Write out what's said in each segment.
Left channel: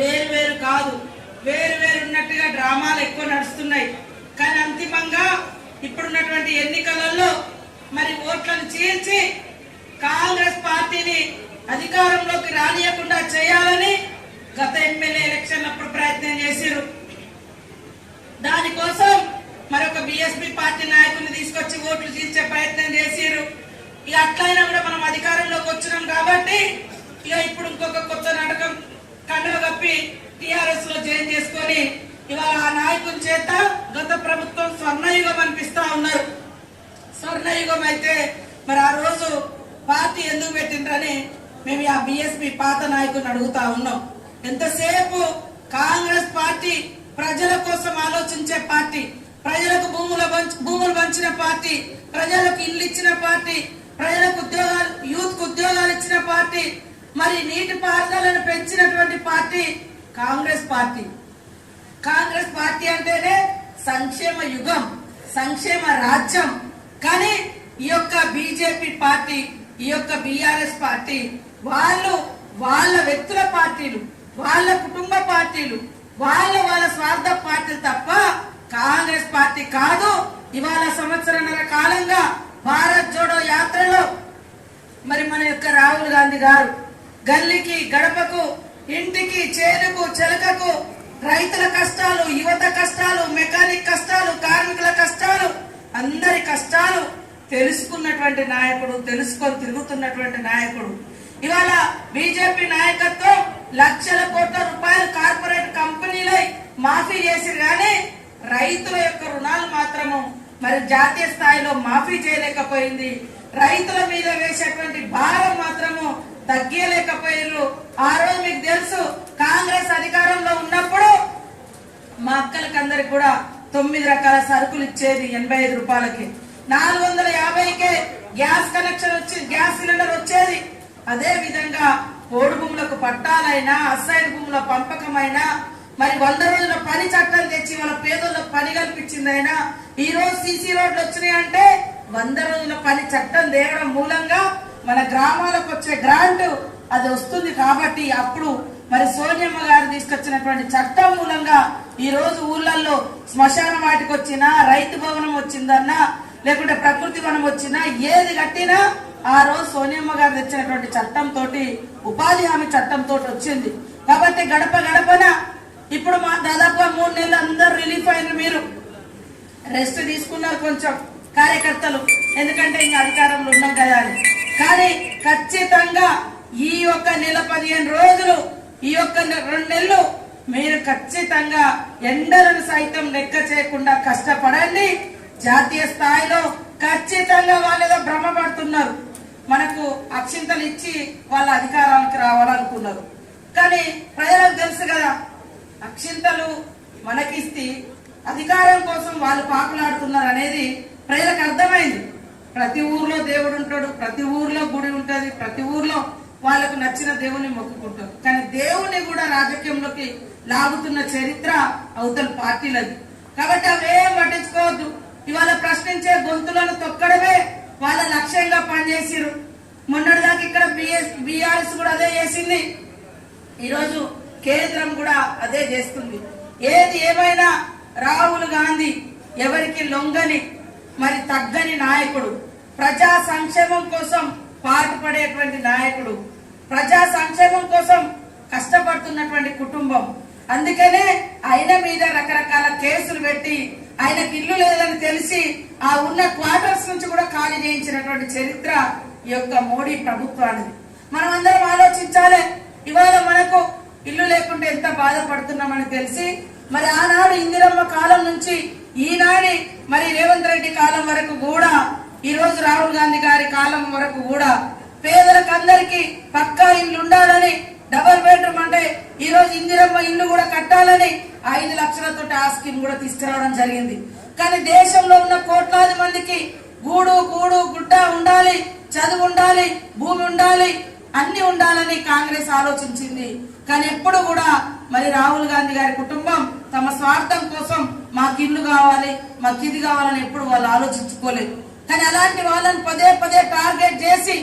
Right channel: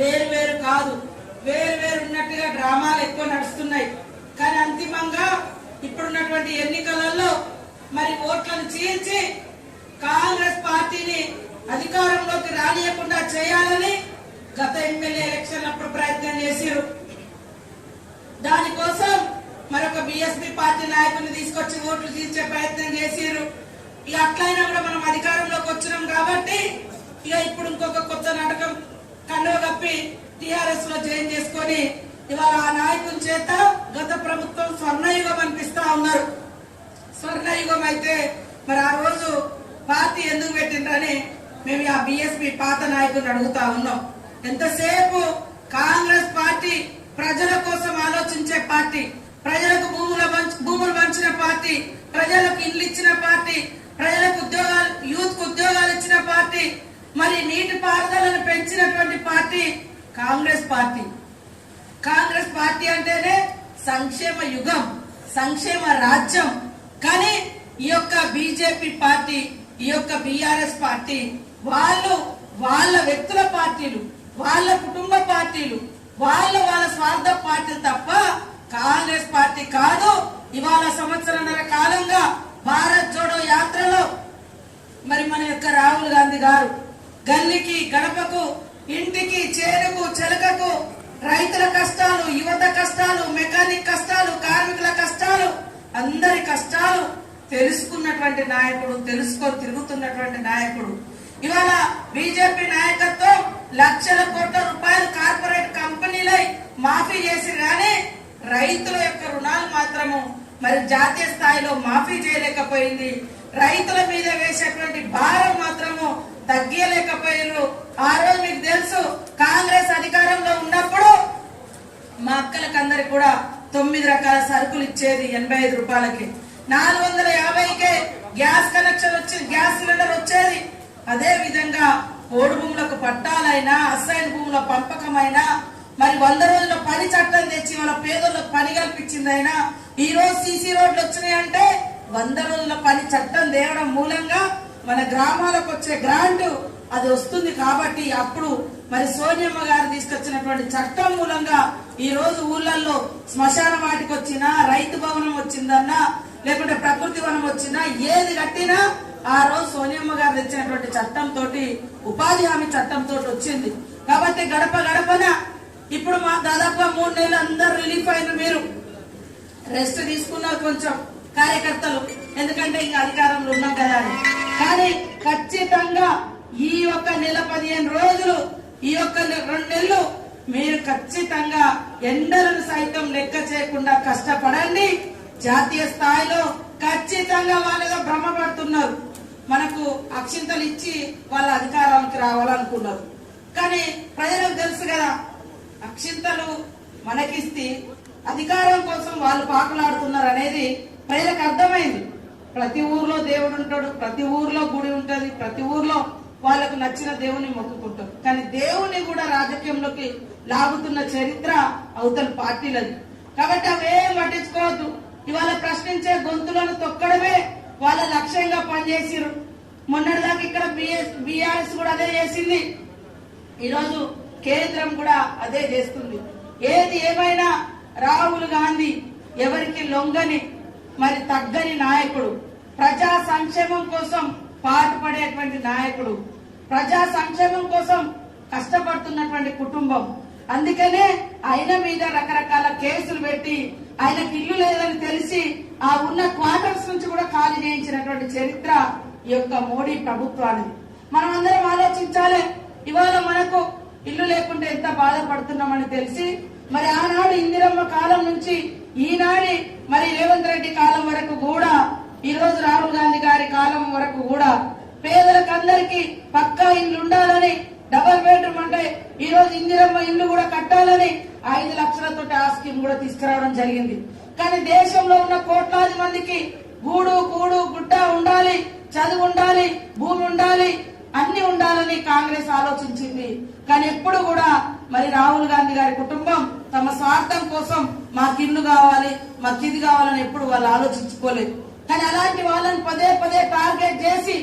వేరు వేరు కాదు. వేరు వేరు ఉన్నట్టుగా డ్రామాలు ఎక్కువ నడుస్తున్నాయి. కానీ అంతిమంగా ఇప్పుడున్నటువంటి ఎన్నికలలో మరి ఓట్లను చీల్చి కాంగ్రెస్ పార్టీని అధికారంలోకి రానియకుండా చేయాలని గత ఎమ్మెల్యే ఎలక్షన్ అప్పుడు ప్రయత్నం చేశారు. దానికోసం మరొక బీఎస్పీ పార్టీ నాయకుల్ని తీసుకొచ్చి ఓట్లు తీర్చే ప్రయత్నం చేశారు. ఇక అట్లయినా కూడా మనం అధికారంలోకి వచ్చినాం కాబట్టి ఇక ఇప్పుడు ఇంకొక కొత్త నాటకం కండువ కప్పి టిఆర్ఎస్లో జాయిన్ చేసుకొని ఇవాళ ఆ నాయకుని చేత గత ప్రభుత్వం స్వర్ణయుగం అనిపిస్తా ఉన్నారు. స్వర్ణయుగం అయితే మరి ఆ రోజు పార్టీ ఎందుకు పెట్టిండ్రని మేము ఆ బిఎస్పి పాత నాయకుని అడుగుతా ఉన్నాం. ఎంతసేపు కాంగ్రెస్ పార్టీ ప్రజల కోసం ఆలోచించే పార్టీ ప్రజలకు భూముల భూములు పంచిన పార్టీ ప్రజలకు ఇల్లు ఇచ్చిన పార్టీ ప్రజలకు ఉద్యోగాలు యూత్కు ఉద్యోగాలు ఇచ్చిన పార్టీ మరి నీటి పారుదల పెంచినటువంటి party Congress party. Congress party అంటేనే సంక్షేమ యుగం సంక్షేమ రాజ్యం. కానీ ఈ యొక్క బీజేపీ పార్టీ ఈ యొక్క బీఆర్ఎస్ పార్టీ వాళ్ళు వాళ్ళ వ్యక్తుల పార్టీలు వాళ్ళ కుటుంబ పార్టీలు వాళ్ళ వాళ్ళ స్వార్థ పార్టీలు తప్ప కాంగ్రెస్ పార్టీ కాదు. ఇవాళ సంవత్సరంన్నర కాలంగా భారత్ జోడో యాత్రలో మరి మన యొక్క రాహుల్ గాంధీ గారు గల్లికి గడపకు ఇంటికి చేరుకు చెలకకు రైతుల కష్టాలు యువత కష్టాలు మెకానిక్ కష్టాలు కార్మికుల కష్టాలు అందరి కష్టాలు తెలుసుకున్నటువంటి నాయకుడు తెలుసుకొని తిరుగుతున్నటువంటి నాయకుడు. ఇవాళ బీజేపీ నాయకత్వం లక్షల కోట్ల రూపాయలు కార్పొరేట్ కంపెనీలై మాఫీ చేసి కానీ రైతుల యొక్క రుణాలు మాత్రము మరి జాతీయ స్థాయిలో మాఫీ చేయలేకపోయింది. రైతుల మీద వేసేటువంటి భారం మాత్రము తగ్గలేకపోయారు ఆ రోజు మీకు తెలుసు కాంగ్రెస్ అధికారంలో ఉన్నప్పుడు మా అక్కలకందరికి కూడా తొమ్మిది రకాల సరుకులు ఇచ్చేది ఎనభై ఐదు రూపాయలకి. నాలుగు వందల యాభైకే గ్యాస్ కనెక్షన్ వచ్చి గ్యాస్ సిలిండర్ వచ్చేది. అదే విధంగా ఓడి భూములకు పట్టాలైనా అసైన్ భూముల పంపకమైనా మరి వంద రోజుల పని చట్టం తెచ్చి వాళ్ళ పేదలకు పని కల్పించిందైనా ఈ రోజు సీసీ రోడ్లు వచ్చినాయంటే వంద రోజుల పని చట్టం తేవడం మూలంగా మన గ్రామాలకు వచ్చే గ్రాంట్ అది వస్తుంది కాబట్టి అప్పుడు మరి సోనియమ్మ గారు తీసుకొచ్చినటువంటి చట్టం మూలంగా ఈ రోజు ఊళ్ళల్లో శ్మశాన వాటికి వచ్చినా రైతు భవనం వచ్చిందన్నా లేకుంటే ప్రకృతి వనం వచ్చినా ఏది కట్టినా ఆ రోజు సోనియమ్మ గారు తెచ్చినటువంటి చట్టం తోటి ఉపాధి హామీ చట్టం తోటి వచ్చింది. కాబట్టి గడప గడపన ఇప్పుడు మా దాదాపుగా మూడు నెలలు అందరూ రిలీఫ్ అయిన మీరు. రెస్ట్ తీసుకున్నారు కొంచెం. కార్యకర్తలు ఎందుకంటే ఇంకా అధికారంలో ఉన్నాం కదా కానీ ఖచ్చితంగా ఈ యొక్క నెల పదిహేను రోజులు ఈ యొక్క రెండు నెలలు మీరు ఖచ్చితంగా ఎండలను సైతం లెక్క చేయకుండా కష్టపడండి. జాతీయ స్థాయిలో ఖచ్చితంగా వాళ్ళు ఏదో భ్రమపడుతున్నారు మనకు అక్షింతలు ఇచ్చి వాళ్ళ అధికారానికి రావాలనుకున్నారు. కానీ ప్రజలకు తెలుసు కదా అక్షింతలు మనకిస్తే అధికారం కోసం వాళ్ళు పాకులాడుతున్నారు అనేది ప్రజలకు అర్థమైంది. ప్రతి ఊర్లో దేవుడు ఉంటాడు ప్రతి ఊర్లో గుడి ఉంటుంది ప్రతి ఊర్లో వాళ్ళకు నచ్చిన దేవుని మొక్కుకుంటారు. కానీ దేవుని కూడా రాజకీయంలోకి లాగుతున్న చరిత్ర అవతల పార్టీలది. కాబట్టి అవేం పట్టించుకోవద్దు. ఇవాళ ప్రశ్నించే గొంతులను తొక్కడమే వాళ్ళ లక్ష్యంగా పనిచేసిరు మొన్నటిదాకా ఇక్కడ బిఎస్ బీఆర్ఎస్ కూడా అదే చేసింది. ఈరోజు కేంద్రం కూడా అదే చేస్తుంది. ఏది ఏమైనా రాహుల్ గాంధీ ఎవరికి లొంగని మరి తగ్గని నాయకుడు. ప్రజా సంక్షేమం కోసం పాటుపడేటువంటి నాయకుడు. ప్రజా సంక్షేమం కోసం కష్టపడుతున్నటువంటి కుటుంబం. అందుకనే ఆయన మీద రకరకాల కేసులు పెట్టి ఆయనకి ఇల్లు లేదని తెలిసి ఆ ఉన్న క్వార్టర్స్ నుంచి కూడా ఖాళీ చేయించినటువంటి చరిత్ర ఈ యొక్క మోడీ ప్రభుత్వానికి మనం అందరం ఆలోచించాలి ఇవాళ మనకు ఇల్లు లేకుంటే ఎంత బాధపడుతున్నామని తెలిసి మరి ఆనాడు ఇందిరమ్మ కాలం నుంచి ఈనాడి మరి రేవంత్ రెడ్డి కాలం వరకు కూడా ఈ రోజు రాహుల్ గాంధీ గారి కాలం వరకు కూడా పేదలకు అందరికీ పక్కా ఇల్లు ఉండాలని డబల్ బెడ్రూమ్ అంటే ఈ రోజు ఇందిరమ్మ ఇల్లు కూడా కట్టాలని ఐదు లక్షలతో ఆ స్కీమ్ కూడా తీసుకురావడం జరిగింది. కానీ దేశంలో ఉన్న కోట్లాది మందికి గూడు గూడు గుడ్డ ఉండాలి చదువు ఉండాలి భూమి ఉండాలి అన్ని ఉండాలని కాంగ్రెస్ ఆలోచించింది. కానీ ఎప్పుడు కూడా మరి రాహుల్ గాంధీ గారి కుటుంబం తమ స్వార్థం కోసం మాకు ఇల్లు కావాలి మాకు ఇది కావాలని ఎప్పుడు వాళ్ళు ఆలోచించుకోలేదు. కానీ అలాంటి వాళ్ళని పదే పదే టార్గెట్ చేసి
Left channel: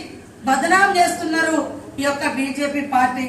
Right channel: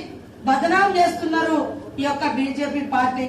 బదనాం చేస్తున్నారు ఈ యొక్క బీజేపీ పార్టీ.